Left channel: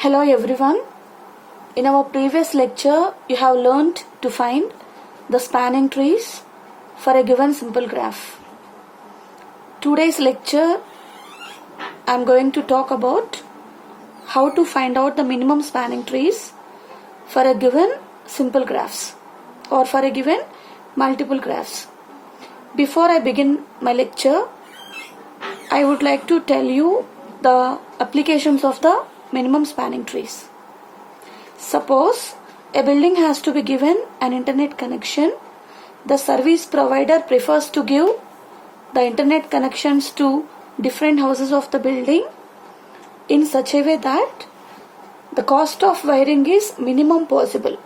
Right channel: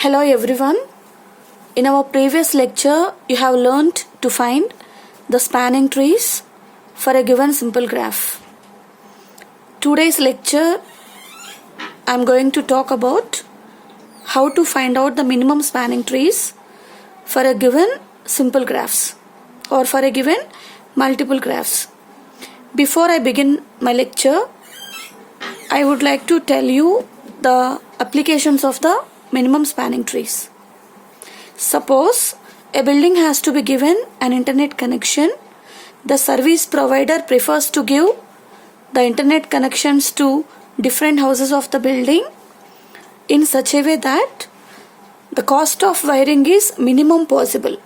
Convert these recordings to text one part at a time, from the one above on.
Hello everyone. In our previous lecture, you have learned to find the spanning trees for a given simple graph. Today's lecture, I am going to talk about how to find out the minimum spanning trees for a given simple graphs or for a given multiple graphs. Before I begin my lecture, I would like to tell you the applications of the minimum spanning trees. Suppose a building has to be given an internet connection. The service provider prefers to give the internet connections to different houses of the building in such a way that the cost of wiring is minimum possible.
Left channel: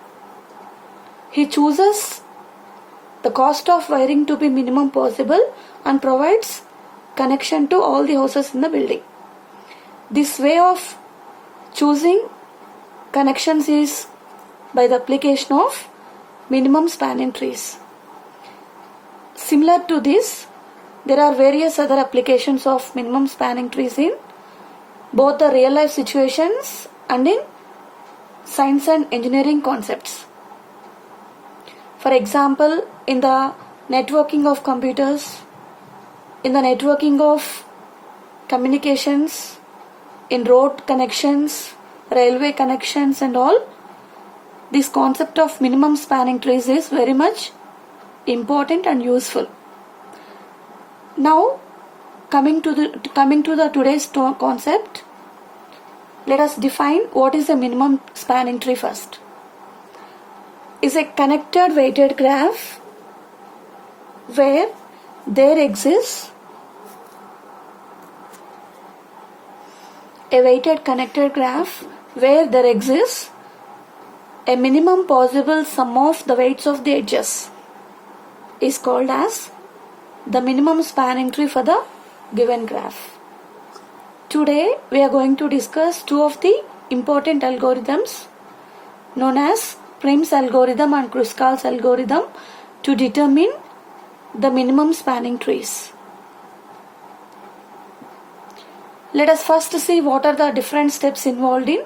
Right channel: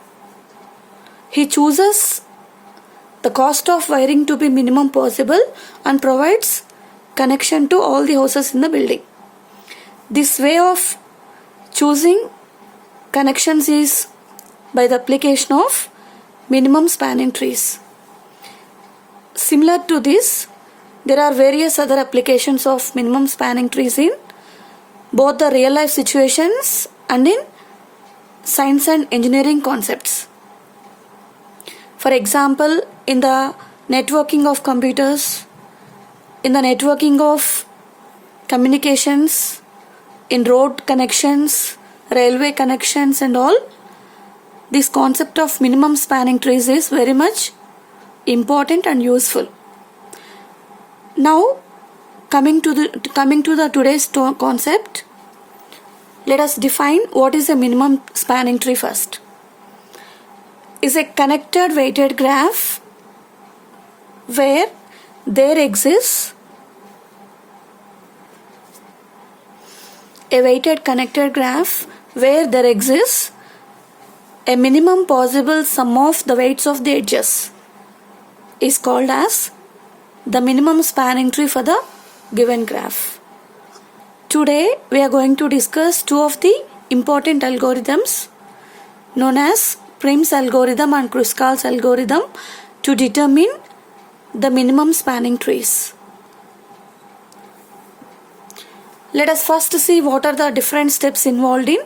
He chooses the cost of wiring to be minimum possible and provides connection to all the houses in the building. This way of choosing connections is by the application of minimum spanning trees. Similar to this, there are various other applications of minimum spanning trees in both the real life situations and in science and engineering concepts. For example, in the networking of computers, in the networking of communications, in road connections, railway connections and all, this concept of minimum spanning trees is very much important and useful. Now, coming to the today's concept, let us define what is a minimum spanning tree first. Is a connected weighted graph where there exists a weighted connected graph where there exists a minimum possible sum of the weights of the edges is called as the minimum spanning tree for the given graph. Today we are going to discuss two of the important algorithms known as Prim's algorithm and Kruskal's algorithm to determine the minimum spanning trees. Let us first see what are the different steps involved in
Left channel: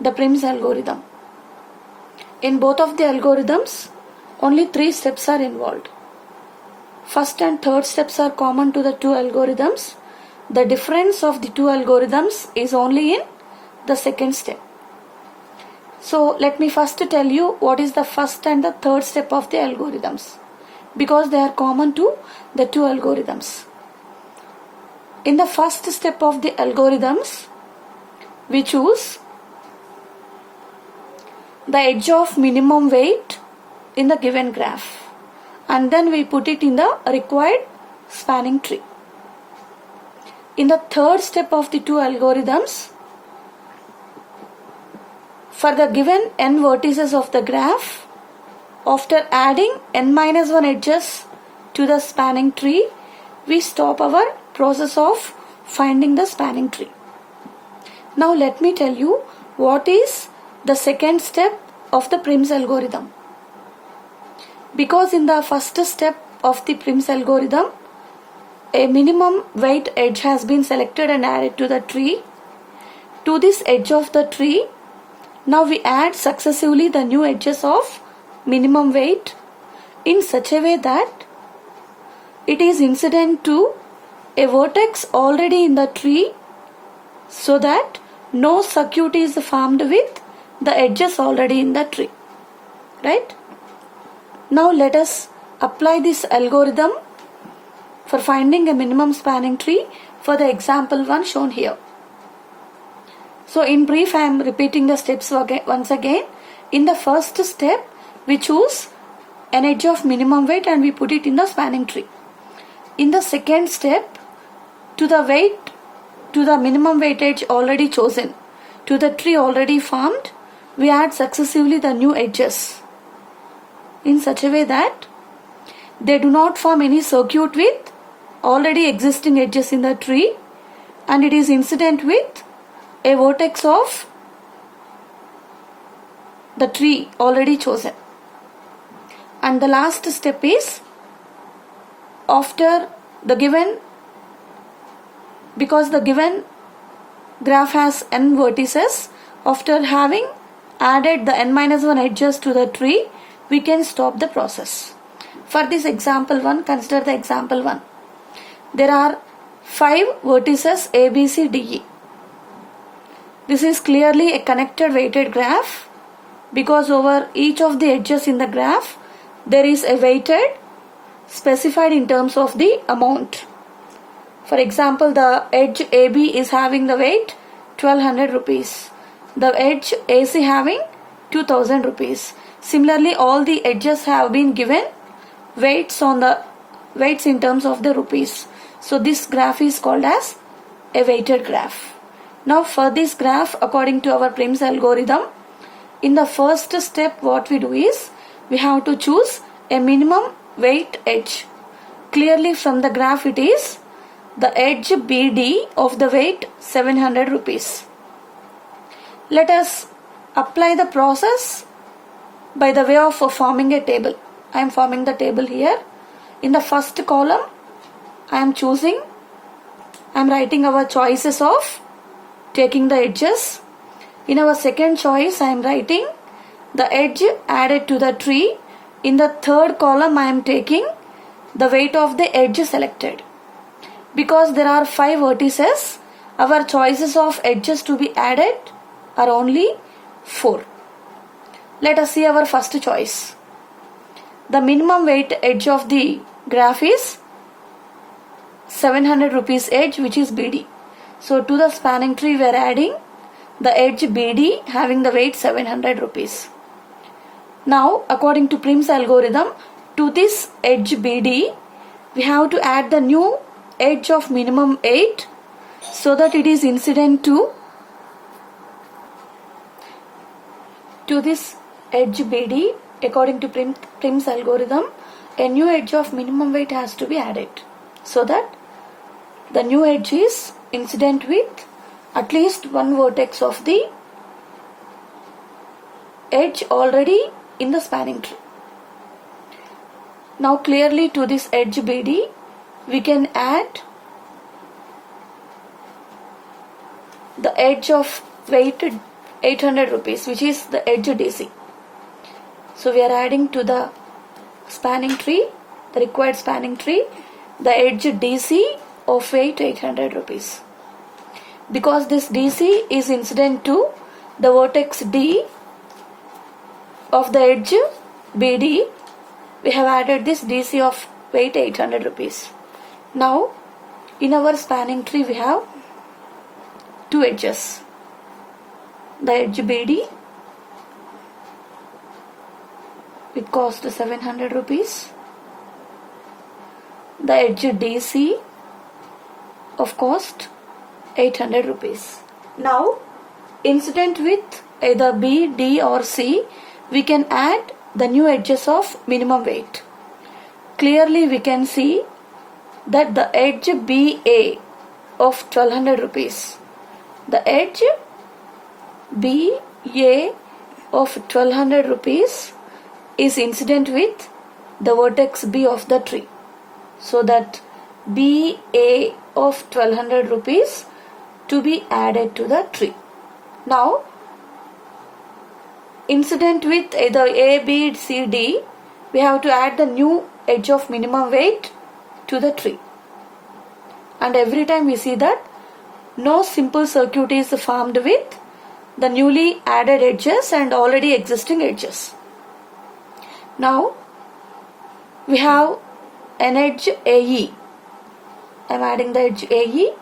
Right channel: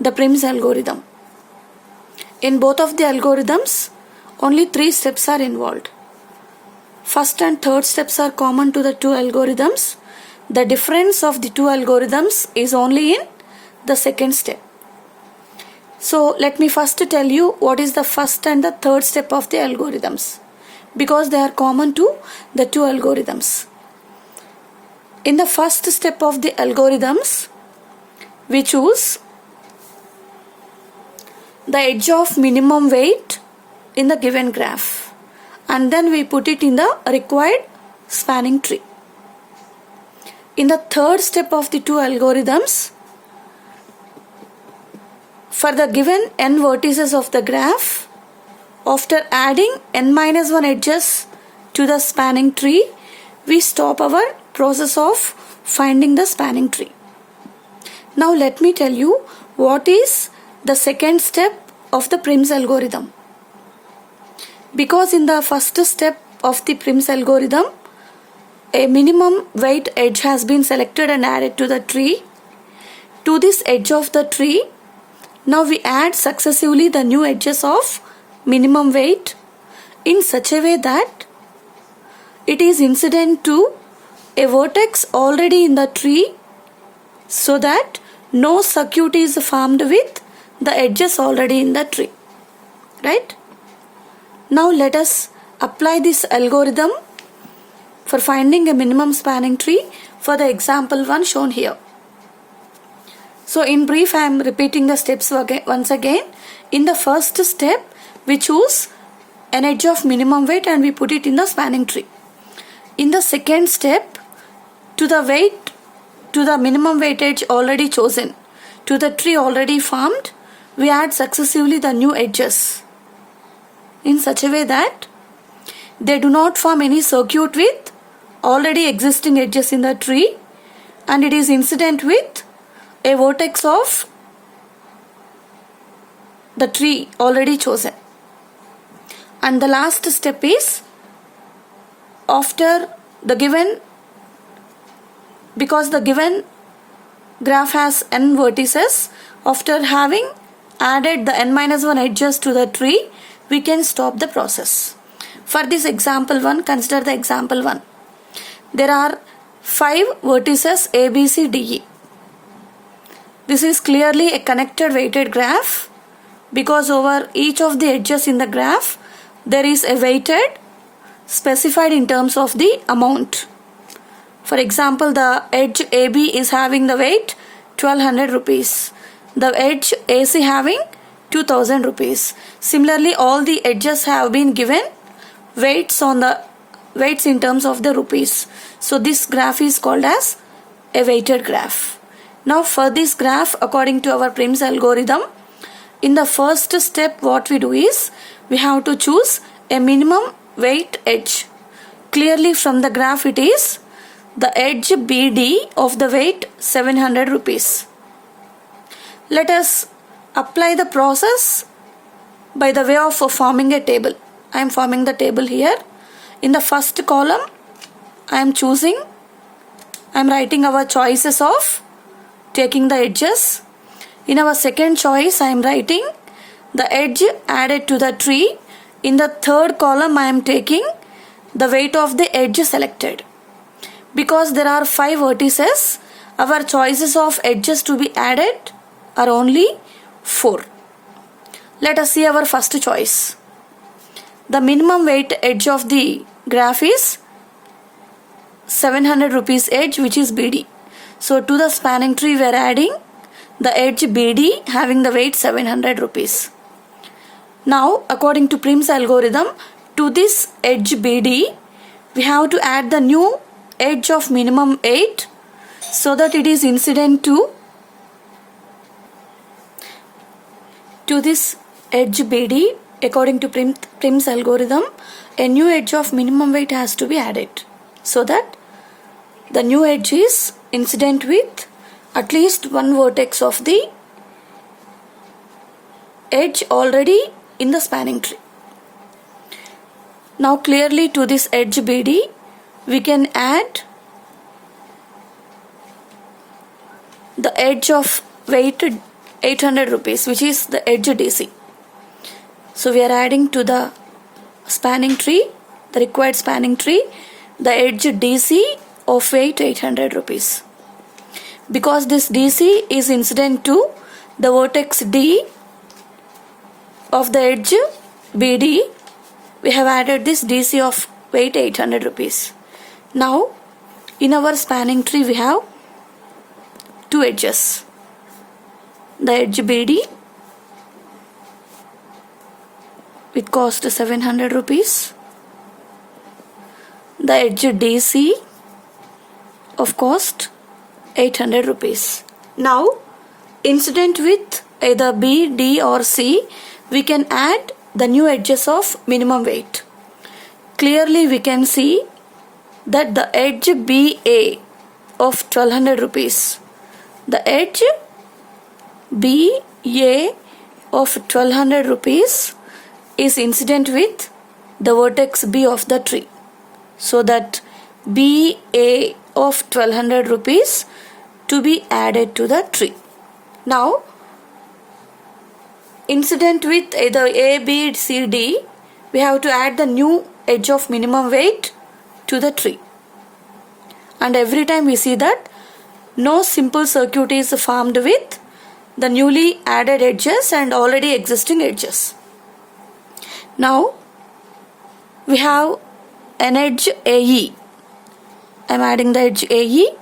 the Prim's algorithm. In both of the algorithms, only 3 steps are involved. First and third steps are common to the two algorithms. The difference of the two algorithms is only in the second step. So let me first tell you what is the first and the third step of the algorithms, because they are common to the two algorithms. In the first step of the algorithms, we choose the edge of minimum weight in the given graph and then we put it in the required spanning tree. In the third step of the two algorithms, for the given n vertices of the graph, after adding n-1 edges to the spanning tree, we stop our process of finding the spanning tree. Now let me tell you what is the second step of the Prim's algorithm. Because in the first step of the Prim's algorithm, a minimum weight edge has been selected and added to the tree. To this edge of the tree, now we add successively the new edges of minimum weight in such a way that it is incident to a vertex already in the tree so that no circuit is formed with the edges already in the tree. Right? Now let us apply this algorithm for finding a minimum spanning tree for the example one shown here. So in brief, I am repeating the steps once again. In the first step, we choose an edge of minimum weight and we put it in the spanning tree. In the second step, to the minimum weight edge already chosen, to the tree already formed, we add successively the new edges in such a way that they do not form any circuit with already existing edges in the tree and it is incident with a vertex of the tree already chosen. And the last step is after the given, because the given graph has n vertices, After having added the n-1 edges to the tree, we can stop the process. For this example 1, consider the example 1. There are 5 vertices A, B, C, D, E. This is clearly a connected weighted graph because over each of the edges in the graph there is a weighted specified in terms of the amount. For example, the edge AB is having the weight 1200 rupees. The edge AC having 2000 rupees. Similarly, all the edges have been given weights in terms of the rupees. So this graph is called as a weighted graph. Now for this graph, according to our Prim's algorithm, in the first step what we do is we have to choose a minimum weight edge. Clearly from the graph it is the edge BD of the weight 700 rupees. Let us apply the process by the way of forming a table. I am forming the table here. In the first column I am writing our choices of taking the edges. In our second choice I am writing the edge added to the tree. In the third column I am taking the weight of the edge selected. Because there are 5 vertices, our choices of edges to be added are only 4. Let us see our first choice. The minimum weight edge of the graph is 700 rupees edge, which is BD. So to the spanning tree we are adding the edge BD having the weight 700 rupees. Now according to Prim's algorithm, to this edge BD we have to add the new edge of minimum 8 so that it is incident to this edge BD. According to Prim's algorithm, a new edge of minimum weight has to be added so that the new edge is incident with at least one vertex of the edge already in the spanning tree. Now clearly to this edge BD we can add the edge of weight 800 rupees, which is the edge DC. So we are adding to the spanning tree, the required spanning tree, the edge DC of weight 800 rupees. Because this DC is incident to the vertex D of the edge BD, we have added this DC of weight 800 rupees. Now in our spanning tree we have 2 edges. The edge BD with cost 700 rupees. The edge DC of cost 800 rupees. Now incident with either B, D or C, we can add the new edges of minimum weight. Clearly we can see that the edge BA of 1200 rupees, the edge BA of 1200 rupees is incident with the vertex B of the tree. So that BA of 1200 rupees to be added to the tree. Now incident with either A, B, C, D, we have to add the new edge of minimum weight to the tree. And every time we see that no simple circuit is formed with the newly added edges and already existing edges. Now we have an edge AE. I am adding the edge AE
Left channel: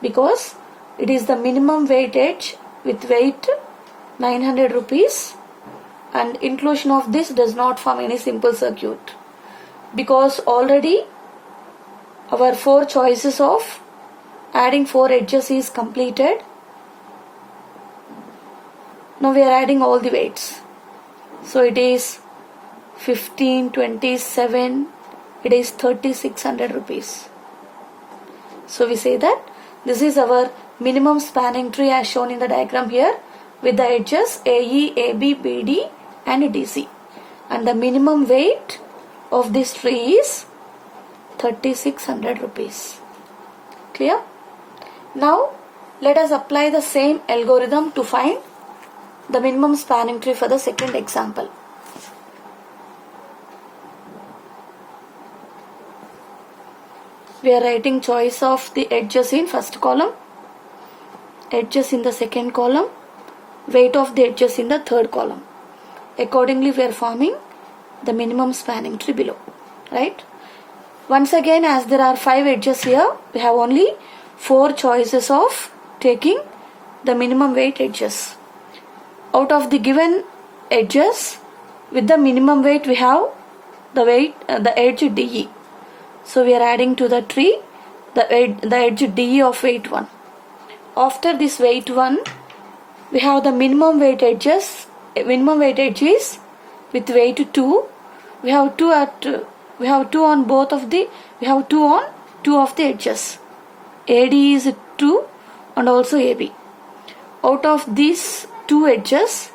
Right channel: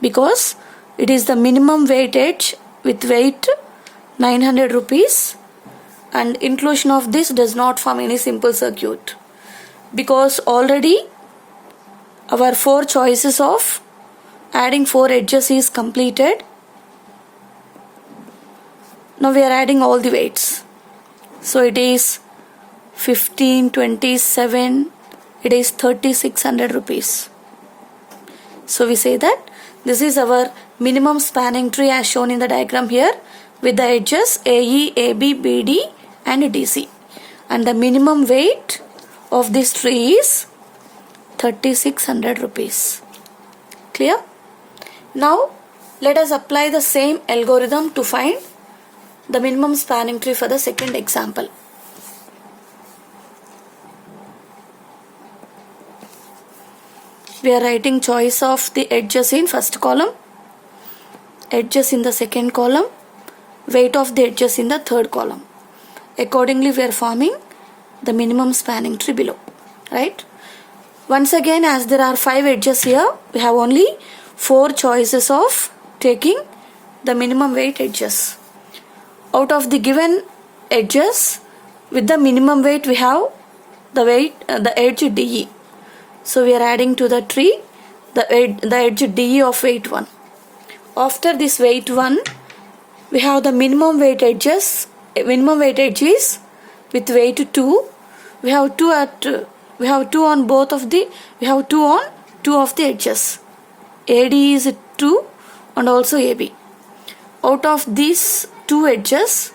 because it is the minimum weight edge with weight 900 rupees, and inclusion of this does not form any simple circuit because already our 4 choices of adding 4 edges is completed. Now we are adding all the weights. So it is 15, 27, it is 3600 rupees. So we say that this is our minimum spanning tree as shown in the diagram here with the edges AE, AB, BD and DC. And the minimum weight of this tree is 3600 rupees. Clear? Now Let us apply the same algorithm to find the minimum spanning tree for the second example. We are writing choice of the edges in first column, edges in the second column, weight of the edges in the third column. Accordingly, we are forming the minimum spanning tree below, right? Once again, as there are 5 edges here, we have only 4 choices of taking the minimum weight edges. Out of the given edges, with the minimum weight, we have the edge DE. So we are adding to the tree the edge DE of weight 1. After this weight 1, we have the minimum weight edges with weight 2. We have 2 on two of the edges. AD is 2 and also AB. Out of these 2 edges,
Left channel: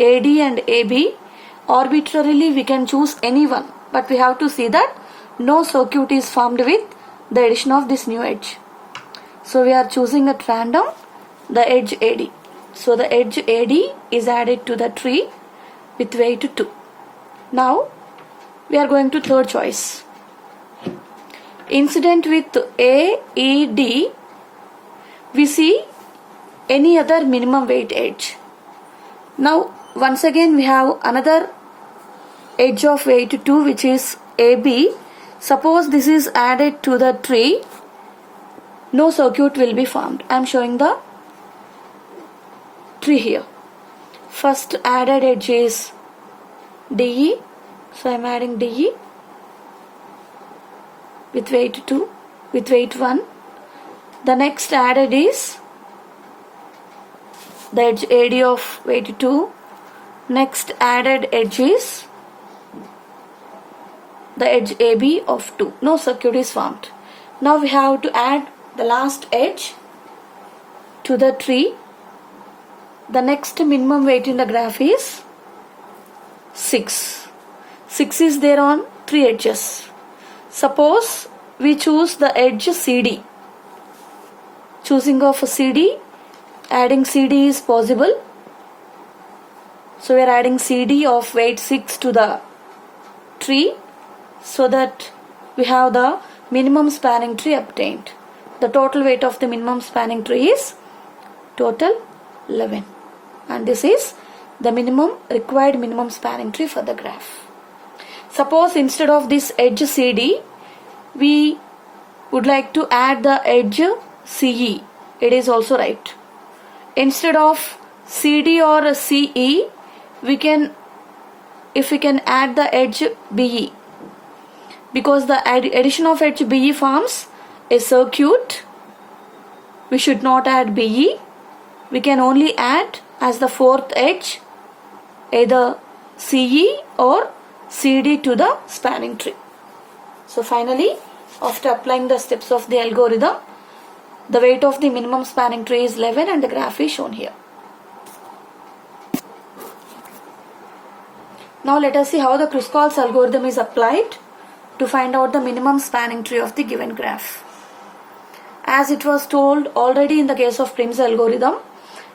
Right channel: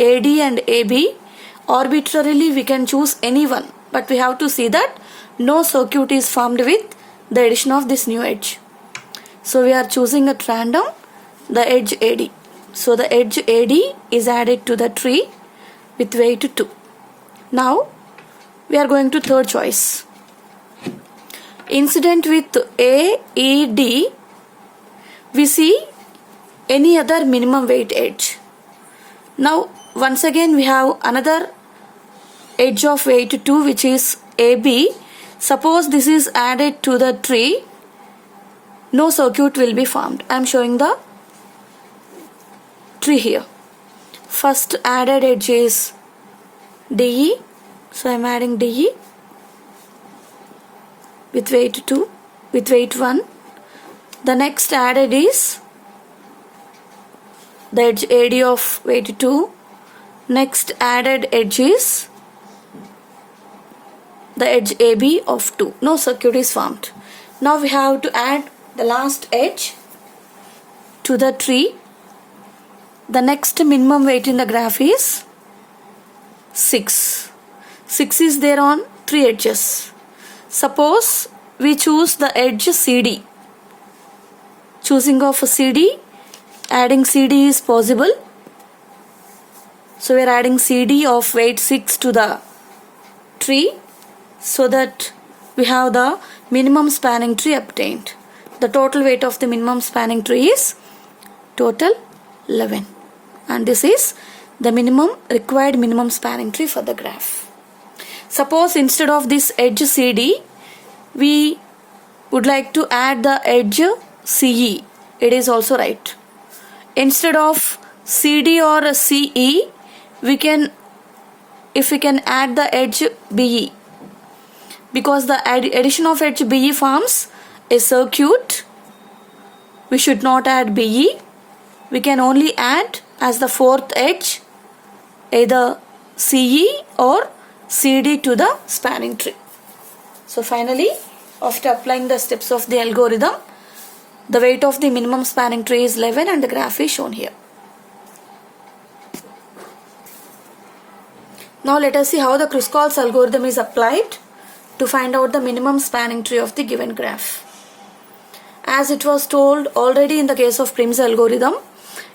AD and AB, arbitrarily we can choose any one, but we have to see that no circuit is formed with the addition of this new edge. So we are choosing at random the edge AD. So the edge AD is added to the tree with weight 2. Now we are going to third choice. Incident with AED, we see any other minimum weight edge. Now once again we have another edge of weight 2, which is AB. Suppose this is added to the tree, no circuit will be formed. I am showing the tree here. First added edge is DE, so I am adding DE with weight 2, with weight 1. The next added is the edge AD of weight 2. Next added edge is the edge AB of 2. No circuit is formed. Now we have to add the last edge to the tree. The next minimum weight in the graph is 6. 6 is there on 3 edges. Suppose we choose the edge CD. Choosing of a CD, adding CD is possible. So we are adding CD of weight 6 to the tree, so that we have the minimum spanning tree obtained. The total weight of the minimum spanning tree is total 11, and this is the required minimum spanning tree for the graph. Suppose instead of this edge CD, we would like to add the edge CE. It is also right. Instead of CD or CE, if we can add the edge BE, because the addition of edge BE forms a circuit, we should not add BE. We can only add as the fourth edge either CE or CD to the spanning tree. So finally, after applying the steps of the algorithm, the weight of the minimum spanning tree is 11 and the graph is shown here. Now let us see how the Kruskal's algorithm is applied to find out the minimum spanning tree of the given graph. As it was told already in the case of Prim's algorithm,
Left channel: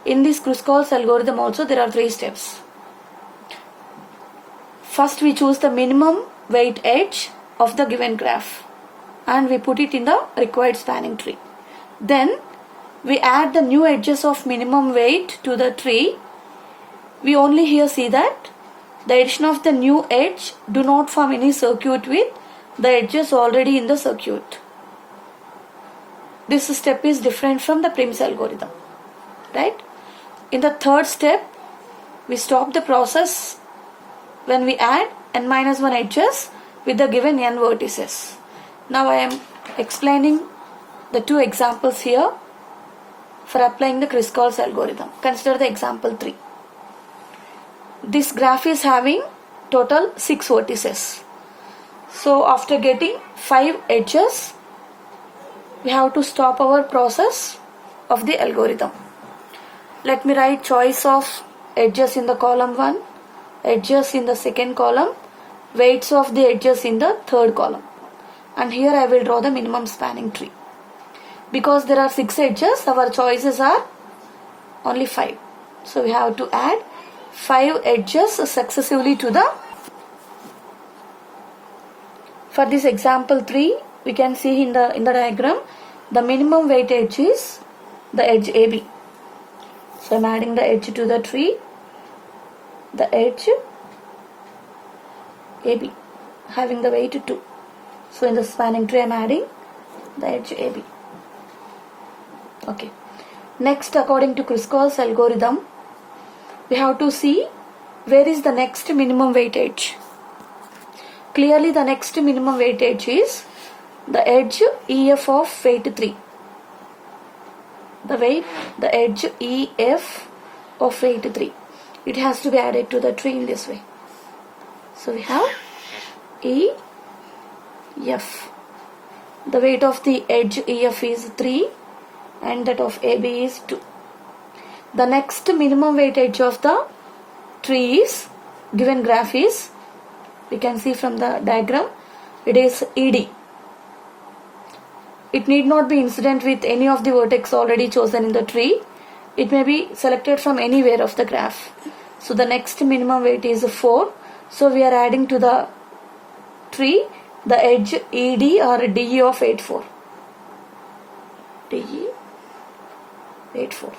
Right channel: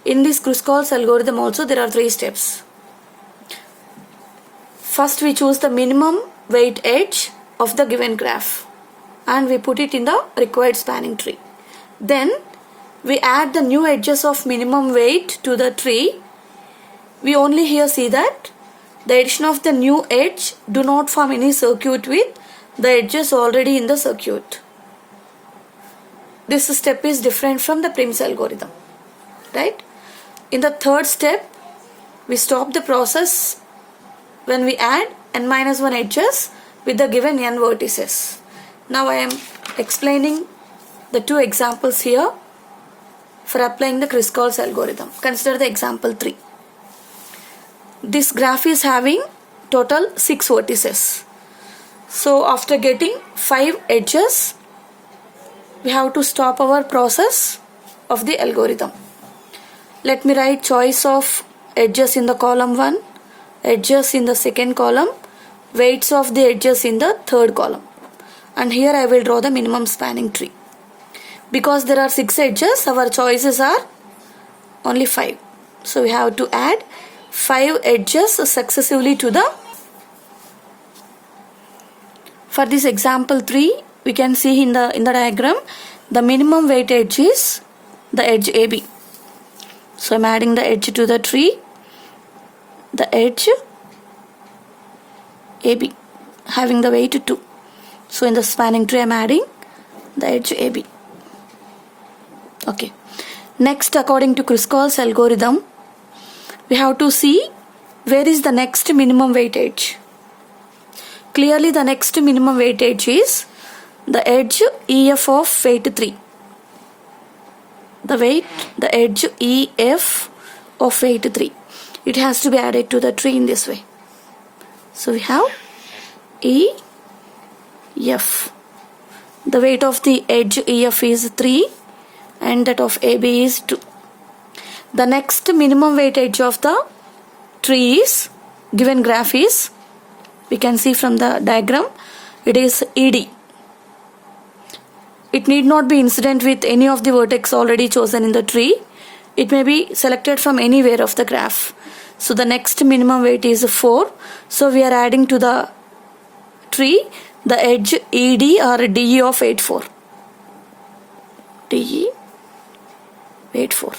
in this Kruskal's algorithm also there are 3 steps. First we choose the minimum weight edge of the given graph and we put it in the required spanning tree. Then we add the new edges of minimum weight to the tree. We only here see that the addition of the new edge do not form any circuit with the edges already in the circuit. This step is different from the Prim's algorithm, right? In the third step, we stop the process when we add n-1 edges with the given n vertices. Now I am explaining the 2 examples here for applying the Kruskal's algorithm. Consider the example 3. This graph is having total 6 vertices. So after getting 5 edges, we have to stop our process of the algorithm. Let me write choice of edges in the column 1, edges in the second column, weights of the edges in the third column. And here I will draw the minimum spanning tree. Because there are 6 edges, our choices are only 5. So we have to add 5 edges successively to the. For this example 3, we can see in the diagram, the minimum weight edge is the edge AB. So I am adding the edge to the tree, the edge AB having the weight 2. So in the spanning tree I am adding the edge AB. Okay. Next, according to Kruskal's algorithm, we have to see where is the next minimum weight edge. Clearly the next minimum weight edge is the edge EF of weight 3. The edge EF of weight 3. It has to be added to the tree in this way. So we have EF. The weight of the edge EF is 3 and that of AB is 2. The next minimum weight edge of the tree is, given graph is, we can see from the diagram, it is ED. It need not be incident with any of the vertex already chosen in the tree. It may be selected from anywhere of the graph. So the next minimum weight is 4. So we are adding to the tree the edge ED or DE of weight 4. DE weight 4.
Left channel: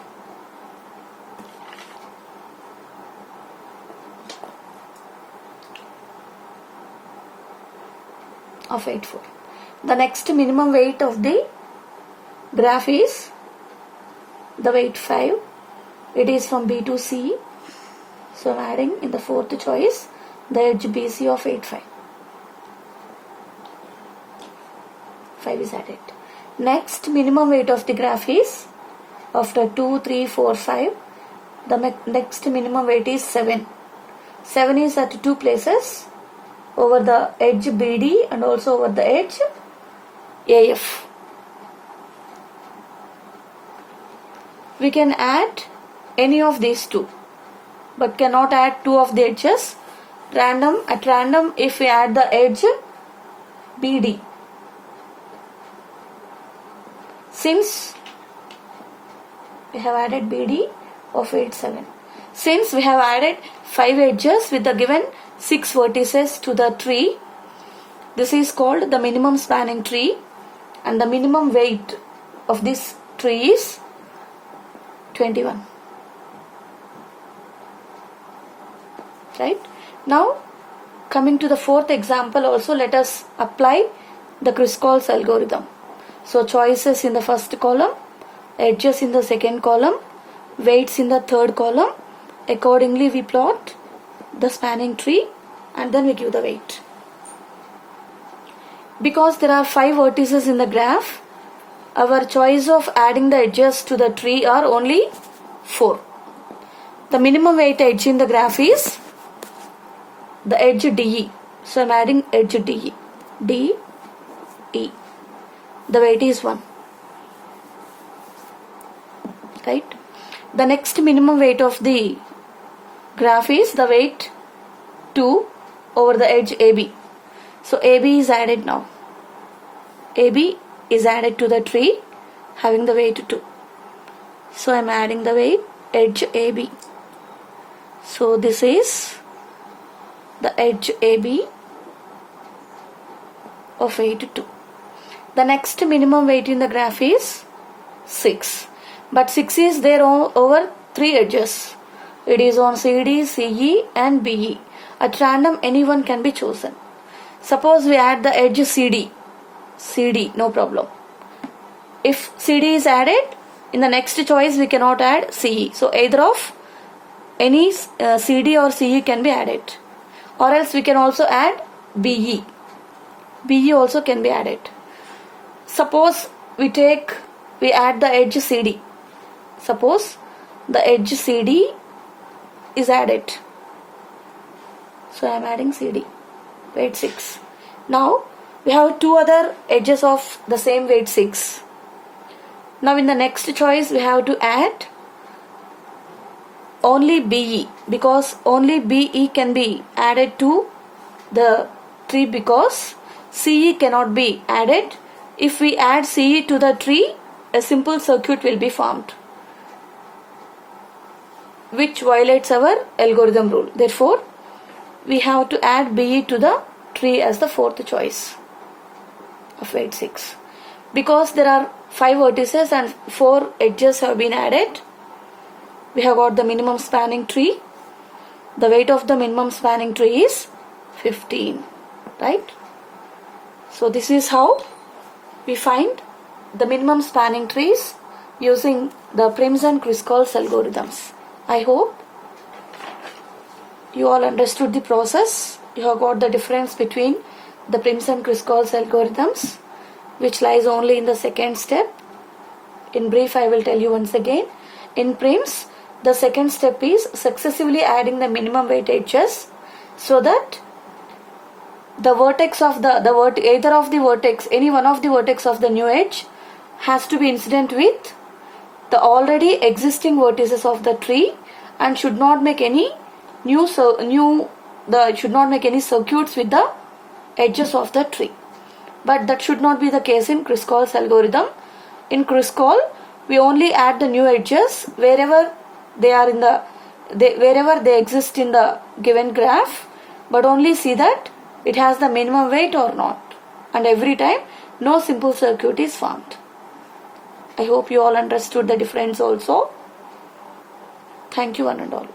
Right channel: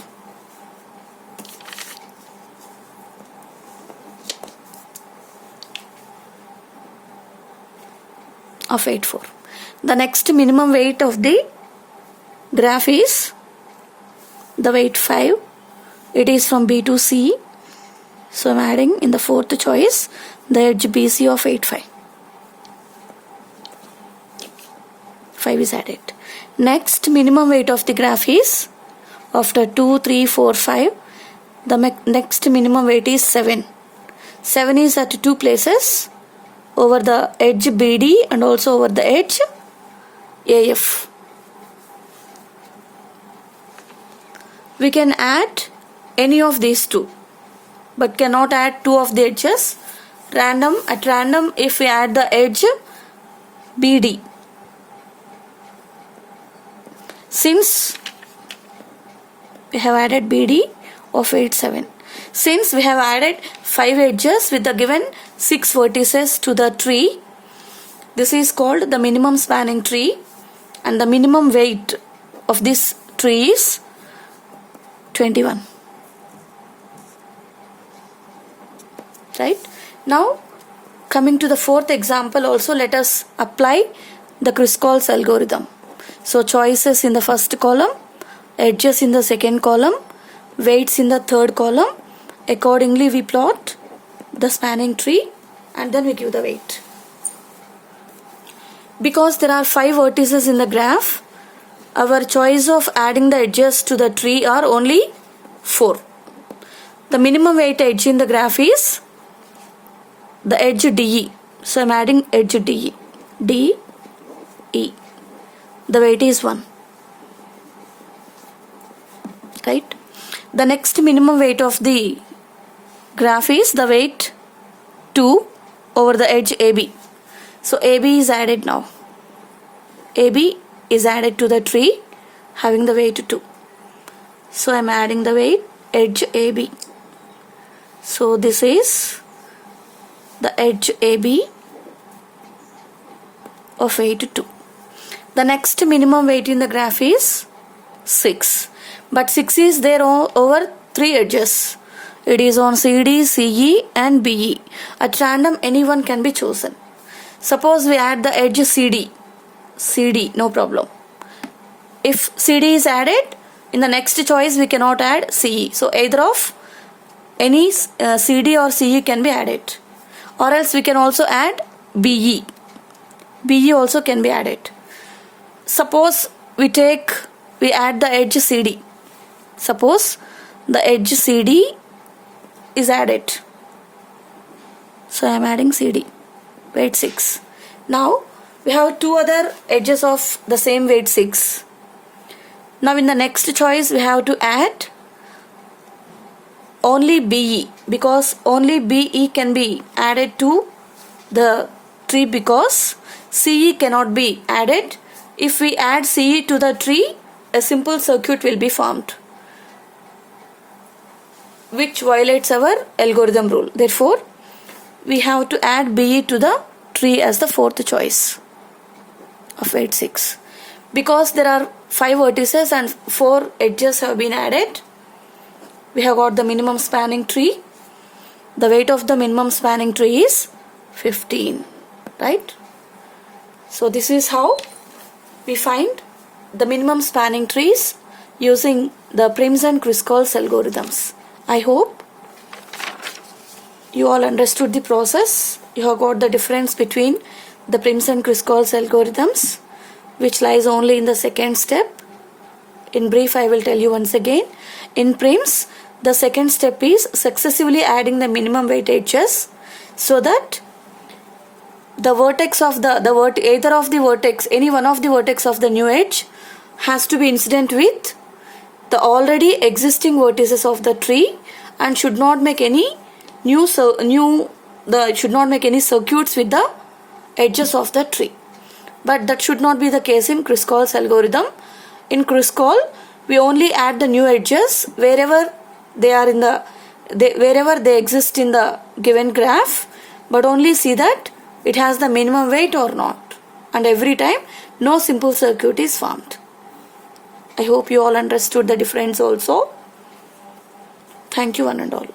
Of weight 4. The next minimum weight of the graph is the weight 5. It is from B to C. So I am adding in the fourth choice the edge BC of weight 5. 5 is added. Next minimum weight of the graph is, after 2, 3, 4, 5, the next minimum weight is 7. 7 is at 2 places, over the edge BD and also over the edge AF. We can add any of these 2, but cannot add 2 of the edges. At random, if we add the edge BD, since we have added BD of weight 7, since we have added 5 edges with the given 6 vertices to the tree, this is called the minimum spanning tree, and the minimum weight of this tree is 21. Right? Now coming to the fourth example, also let us apply the Kruskal's algorithm. So choices in the first column, edges in the second column, weights in the third column. Accordingly we plot the spanning tree and then we give the weight. Because there are 5 vertices in the graph, our choice of adding the edges to the tree are only 4. The minimum weight edge in the graph is the edge DE. So I am adding edge DE. DE. The weight is 1. Right? The next minimum weight of the graph is the weight 2 over the edge AB. So AB is added now. AB is added to the tree having the weight 2. So I am adding the weight edge AB. So this is the edge AB of weight 2. The next minimum weight in the graph is 6. But 6 is there over 3 edges. It is on CD, CE and BE. At random anyone can be chosen. Suppose we add the edge CD. CD, no problem. If CD is added, in the next choice we cannot add CE. So either of any CD or CE can be added. Or else we can also add BE. BE also can be added. Suppose we add the edge CD. Suppose the edge CD is added. So I am adding CD. Weight 6. Now we have 2 other edges of the same weight 6. Now in the next choice we have to add only BE, because only BE can be added to the tree because CE cannot be added. If we add CE to the tree, a simple circuit will be formed, which violates our algorithm rule. Therefore, we have to add BE to the tree as the fourth choice of 8, 6. Because there are 5 vertices and 4 edges have been added, we have got the minimum spanning tree. The weight of the minimum spanning tree is 15, right? So this is how we find the minimum spanning trees using the Prim's and Kruskal's algorithms. I hope you all understood the process. You have got the difference between the Prim's and Kruskal's algorithms, which lies only in the second step. In brief, I will tell you once again. In Prim's, the second step is successively adding the minimum weight edges so that the vertex of either of the vertex, any one of the vertex of the new edge has to be incident with the already existing vertices of the tree and should not make any should not make any circuits with the edges of the tree. But that should not be the case in Kruskal's algorithm. In Kruskal, we only add the new edges wherever they exist in the given graph, but only see that it has the minimum weight or not. And every time, no simple circuit is formed. I hope you all understood the difference also. Thank you one and all.